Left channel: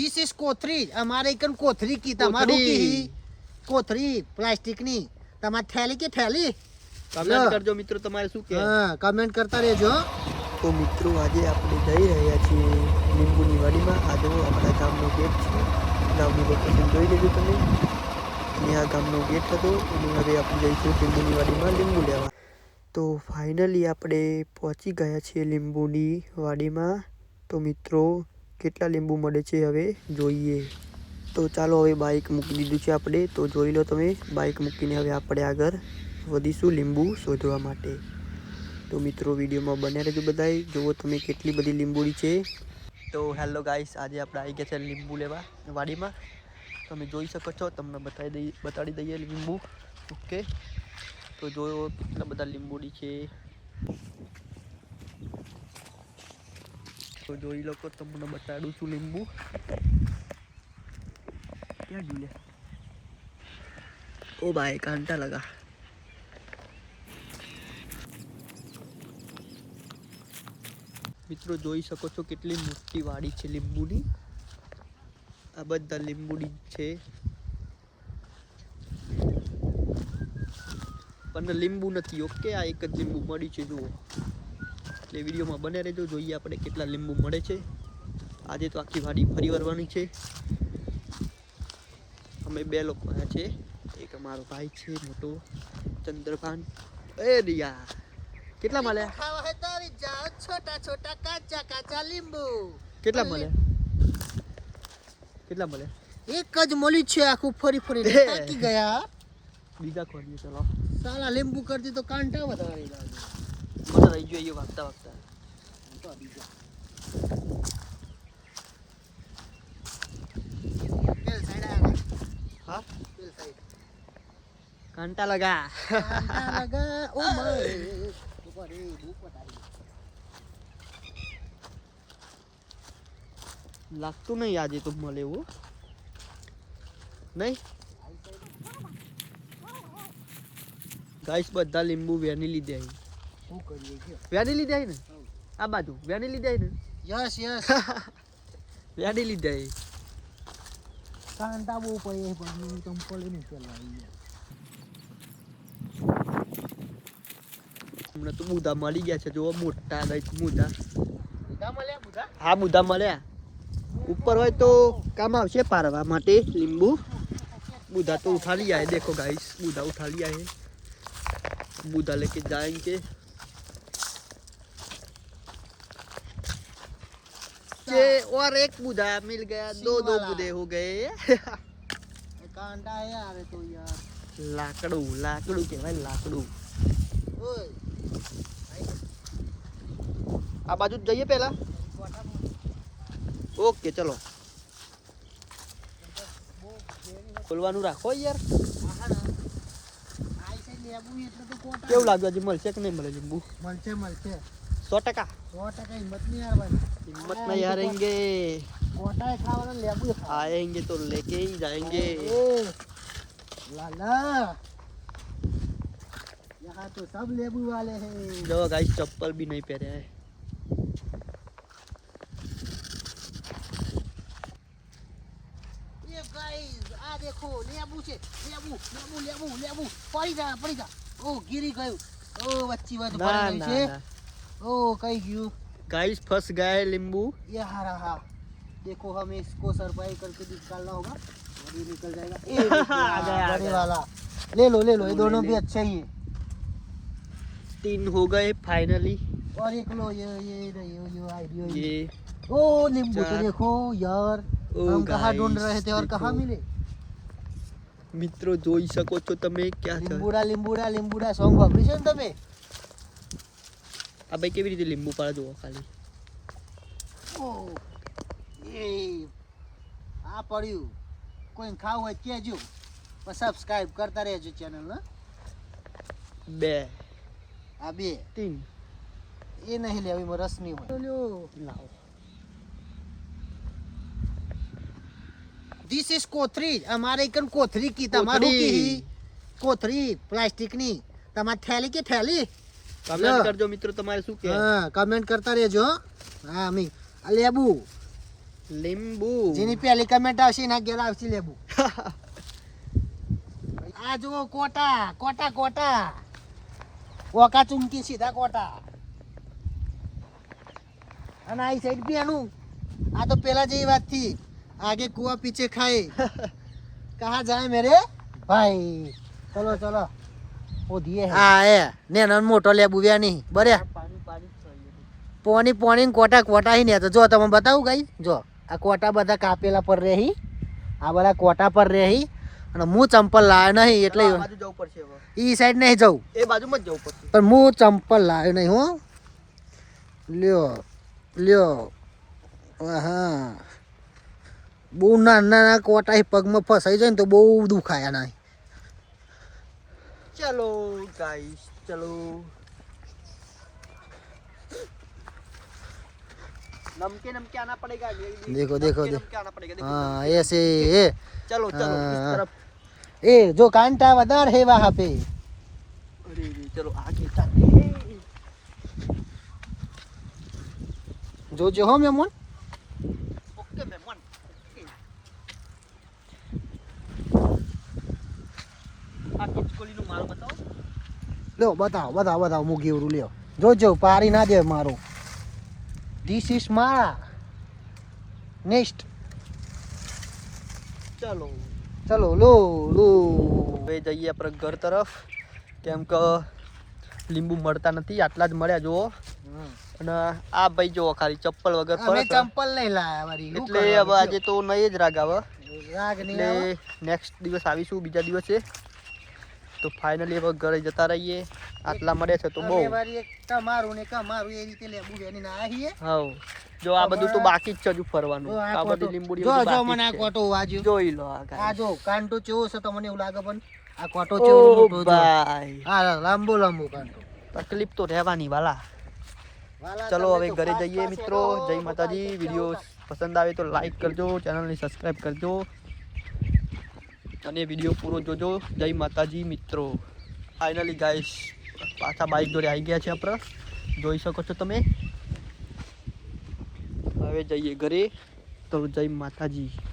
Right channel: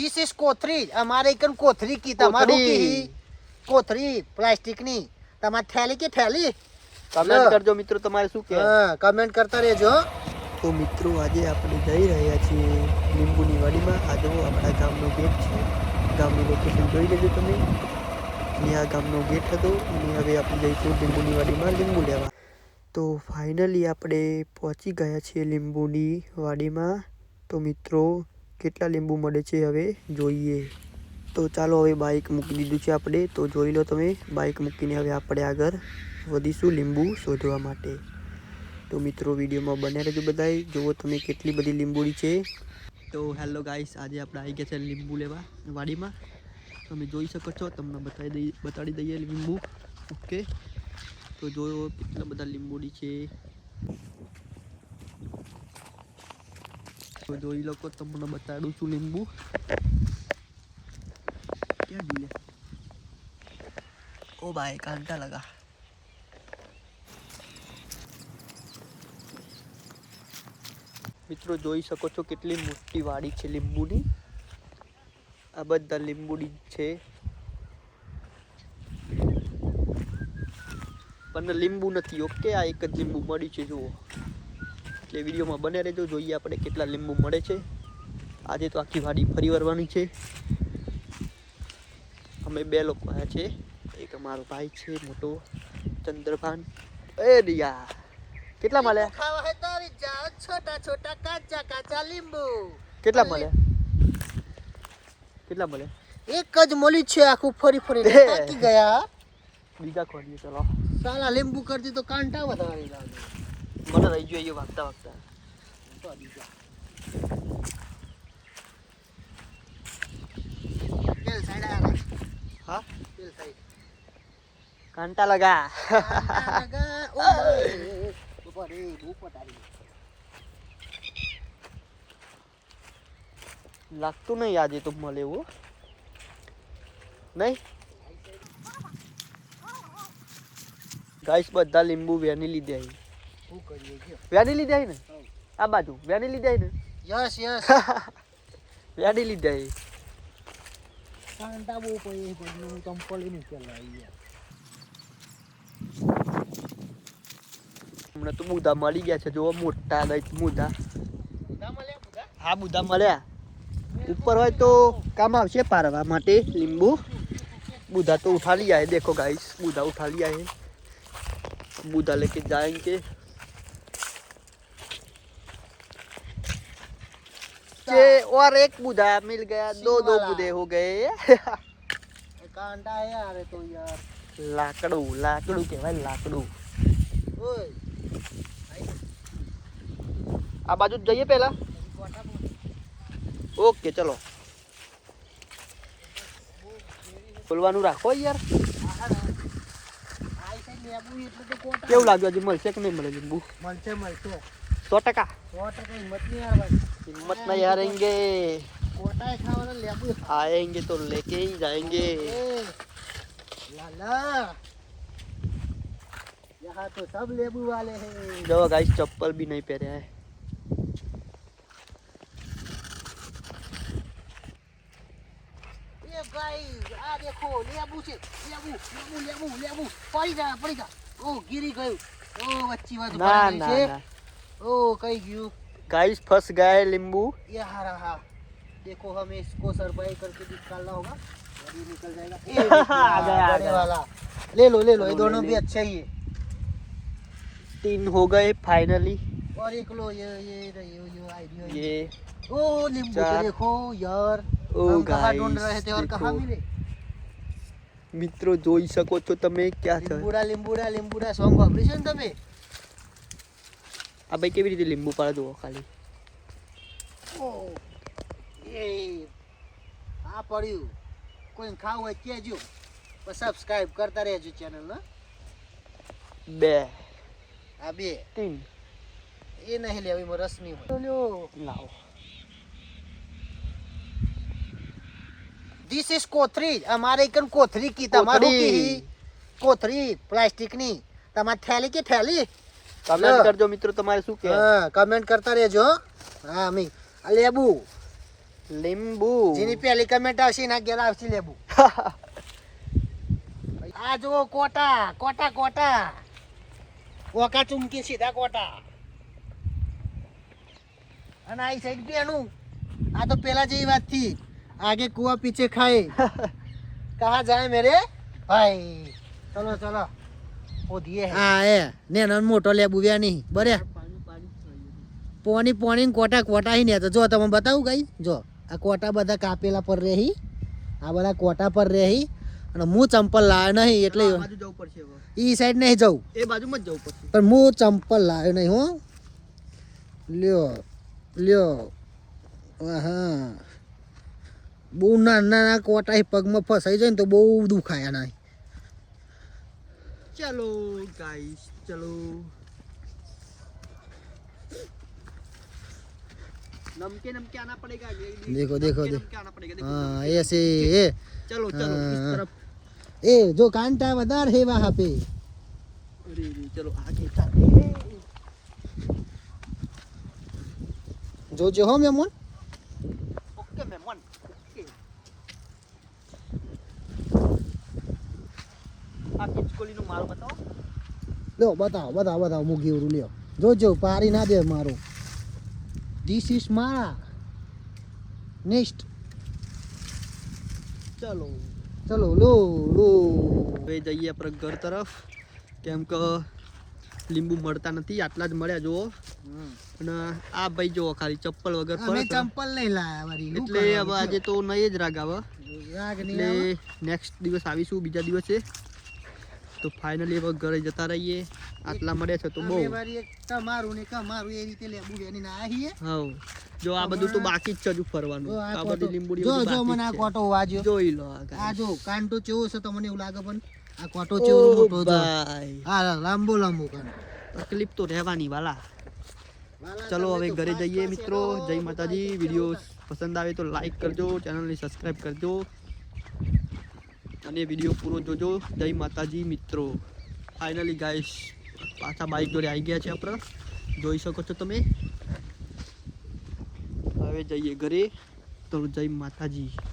This is કોથરી. અમારે એકન કોથરી કી તમારું કી કોથરી plastic ની. તમાર થેલી કે થેલી? કમેન્ટ કરજો મિત્રો તમારે શું કે. હા, કમેન્ટ કરતા રહેજો. તો મિત્રો આજે આપણે જઈ રહ્યા છીએ લીંબુની વાડીમાં. આ જો આપણા ગામનો ગેટ છે. ગામનું લોકેશન જોઈ લેજો તમે. અને આ ગામનો ગેટ હતો અને હવે આપણે જઈશું લીંબુની વાડીમાં લીંબુ લેવા. તો ફાઇનલી આપણે પહોંચી ગયા છીએ લીંબુની વાડીમાં. તો મિત્રો કેટલા લીંબુ મળે છે હવે જોઈએ. તો ચાલો હવે બાઇક મૂકી દીધું છે આપણે. તો જોઈ લો તમે, બાઇક મૂકીને હવે આપણે આગળ વધીશું લીંબુ શોધવા માટે. તો મિત્રો વિડીયોમાં બન્યા રહેજો બધાય. જુઓ તમે કેટલી બધી લીંબુડી છે. તો હેલો ગાઈસ, આજે આપણે આવી ગયા છે લીંબુ લેવા વાડીમાં. તમે જોઈ શકો છો, તમને બતાડી દઈએ લીંબુ. ઓકે, તો જોયો કેટલા બધા લીંબુડી છે. તો જોઈ લો, તમને બતાડું છું લીંબુ. ક્યાં ગયા? ઓ ભાઈ, કાંટા લગા. મિત્રો જોઈ શકો છો કેટલી મોટી વાડી છે લીંબુની. આ બધા લીંબુડી છે, પણ લીંબુ નથી. ઓકે, આ એક જ લીંબુ મળ્યું છે જુઓ. એટલે વિડીયોમાં બને રહેજો, જોઈએ આપણે કેટલા લીંબુ મળે છે. આજે તો આખી વાડી ફરી વળવાની છે. અમે બે લોકો આવ્યા છે. એક અમારો ભાઈ છે મોટો ચંદ્રભાન. એ રિયા, કેટલા મળ્યા? ખાવા હે તો આવી જાઓ. છોટા છોટા કાચા કાચા લીંબુ. કેટલા મળ્યા? કેટલા મળ્યા? એક જ મળી છે, આખું ફરી ફરીને થાકી ગયા. બીજા ખોલીએ ચલો. સાલા લીંબુ કરતી તો કાંટા વધારે લાગે. મને રહી જોઈએ વાગતા વાગતા. તો બીજા પેલ સાઈડ આ. હા, પેલ સાઈડ કાંટા લગા. કાંટા લગા. ઓ માય ઉપર એ ઉપર આવી. લાગતું નહીં આજે તો મળે એવું નહીં. ગાઈસ બધા લીંબુ વેની લીધે આવી. શું કરીએ કે વેની લીધે આવી ને આ બાજુ. વેની લીધે આવી ને. Yes yes. વેની લીધે આવી. કાંટા બહુ પડી પણ ચંપલ નહીં ચલાવી યાર. હમણાં તો બુધા મળી ગયા છે, જો મોટા ગઈ બુધા. બુધા મળ્યા બુધા? હા, બુધા મળ્યા. ઉપર હોય તો કામ આવશે પારવા માટે લીંબુ. બુધા तो उठा लिया है, देखो गाइस, बूढ़ा उठा लिया है. बूढ़ा लेके जाएंगे. ये और एक बूढ़ा मिल गया, दो बूढ़े हो गए. कांटा है यार तो यार. लाकड़ू लाकड़ू के भाई लाकड़ू. ओए आ बाजू जाइए पहला. ओके चलो. ખોલવાનું રાખો યાર. કેવું લાગ્યું? હજી મળશે કે નહીં મળે લીંબુ? મળશે મળશે 100%. 100% હિંમત નહીં હારવાની. हिम्मत नहीं हारेंगे. કોટાએ ખાવાના લેબુ आएंगे तो लेके ही जाएंगे. लाला यहाँ तो सब लेबू वाले हैं. दो गाइस चप्पल भी नहीं पहने हैं. ये गाइस आ देखो लेबू છે. લેબુ લેબુ લેબુ લેબુ પડી જા. ઓ ગીરી ગયું. ઓ વચ્ચી વાત ना પડી ना છે. ना. ओ कहीं गયું. गाइस फंस गए नींबू. ये रहा. देखो हमें इसको सरपाई करके निकालना होगा. अभी निकल जाएगा. ये आ गया, बड़े वाला. ले लो ये दोनों भी अच्छे ही है. 3 हो गए फाइनली. और एक लो ये आइडिया. ये ओ नींबू तो देखो यार. ओ हम कहाँ guys, ढूंढ रहे थे और देखो. कहाँ मिले. મિત્રો જોઈ શકો છો તમે ક્યાં છે. લીંબુડા સોંગ વાપરી છે ને તમે. આ ભાઈ કેવી રીતે લીંબુ પાડે જુઓ ખાલી. ઓ એ આ પડ્યું. કોઈ ખાવું હોય કહેજો. પણ સબસ્ક્રાઇબ કરતા રહેજો ચેનલ ને. 2 આ બે 3 એ નહીં લેવી એમાં રસ નહીં હોય. લ્યો લાવો. This is કોથરી. અમારે એકન કોથરી કી તમારું કી કોથરી પ્લાસ્ટિક ની. તમાર થેલી કે થેલી? કમેન્ટ કરજો મિત્રો તમારે શું કે. હા, કમેન્ટ કરતા રહેજો. હા, અમે આ લેબુ લીંબુ જેની પહેલી કમેન્ટ આવશે એના ઘેર આવશે લેબુ. આ જુઓ કોટા કોટા કોટા ઓકા ચૂમકી સીધા કોટા. અને આ સાઈડ બેનું આ તો પેલા જેવી વાત થી આગે કુआ पीछे खाए कहाँ जाए मेरे भाई. चलो चलो वो दिए हाँ है ने नन मोटो लेबू व्या नहीं बरे પોણી કોટા કોટા હી ને તો જો તમે બતાવું કઈ જો આ કોટા બધા કાપેલા પર રહી આ બધા કોટા પર રહી અને હું ચંપલ લાવ્યો નહીં એટલે આ બાજુ જવું પડશે હવે ઈ સાઈડ નહીં જવું એ બાજુમાં જ જવું પડશે પણ હું ચંપલ લાવ્યો નહીં હો લ્યો લ્યો હા બહુ નાના કોટા પગમાં ફસાઈ જાય ને તો બહુ દુખાય ના. चलो गाइस चलो नमके नमके आना पड़ेगा. देखो देखो नमके आना पड़ेगा. देखो हाँ ऐसे ये चलो चलो इस तरफ. ए जो कांटा वदार है वहाँ पे. अरे चलो आगे जाते. जो जो हो मेमोन ओके मेमोन ओके. આ કિચકોલીનું માલ બતાવો. લ્યો બતાવો બતાવો બતાવો મૂકી ઉરું લ્યો જોજો પારી ના દે મારું. ધીસ ઇઝ મારા નેક્સ્ટ. ચલો ચલો લો લો હવે જઈએ આપણે ઘર તરફ કેમ કે લીંબુ મળતા નથી આટલા જ મળ્યા જુઓ. અને આ ભાઈ જુઓ ખાલી ચપ્પલ વગર અમે ફરે છે. ચંપલ નહીં લાયા વરી એટલે હવે આજે તો નહીં જ રાગ આવે રાગ નહીં એટલે નેક્સ્ટ દિવસ આવીશું બીજા દિવસે. તો ફાઇનલી હવે ઘરે જતા રહીએ. આટલા મળે છે તો બહુ. અમે વરી એક તમારું ને કમારું એ રીતે લેબુ વેની ના આવીએ. હા જો આ બધું તો બાકી જ છે હજુ ફરવાનું. જો આ બધી લીંબુડી જો બધું જો બાકી મને આ જ છે. કોટો વાજ્યો જોઈ લો આ જો કાંટો ચેવો છે તમને એવું લાગે પણ આ કોટો ચેવો મોટો જો ભાઈ હા લાંબો લાંબો કાંટો. તકલીફ તો રહેવાની વાલા. ચલો હવે ઘરે જઈએ મિત્રો. જય માતાજી. વિડીયો પસંદ આવે તો લાઈક કરજો, ચેનલને સબસ્ક્રાઈબ કરજો અને વિડીયો પૂરો જોજો. જય માતાજી મિત્રો. ફાઇનલી ગાઈસ પાછા બાઈક જોડે આવી ગયા છે આપણે જોઈ શકો છો તમે. હવે જઈએ ઘરે. તો જય માતાજી.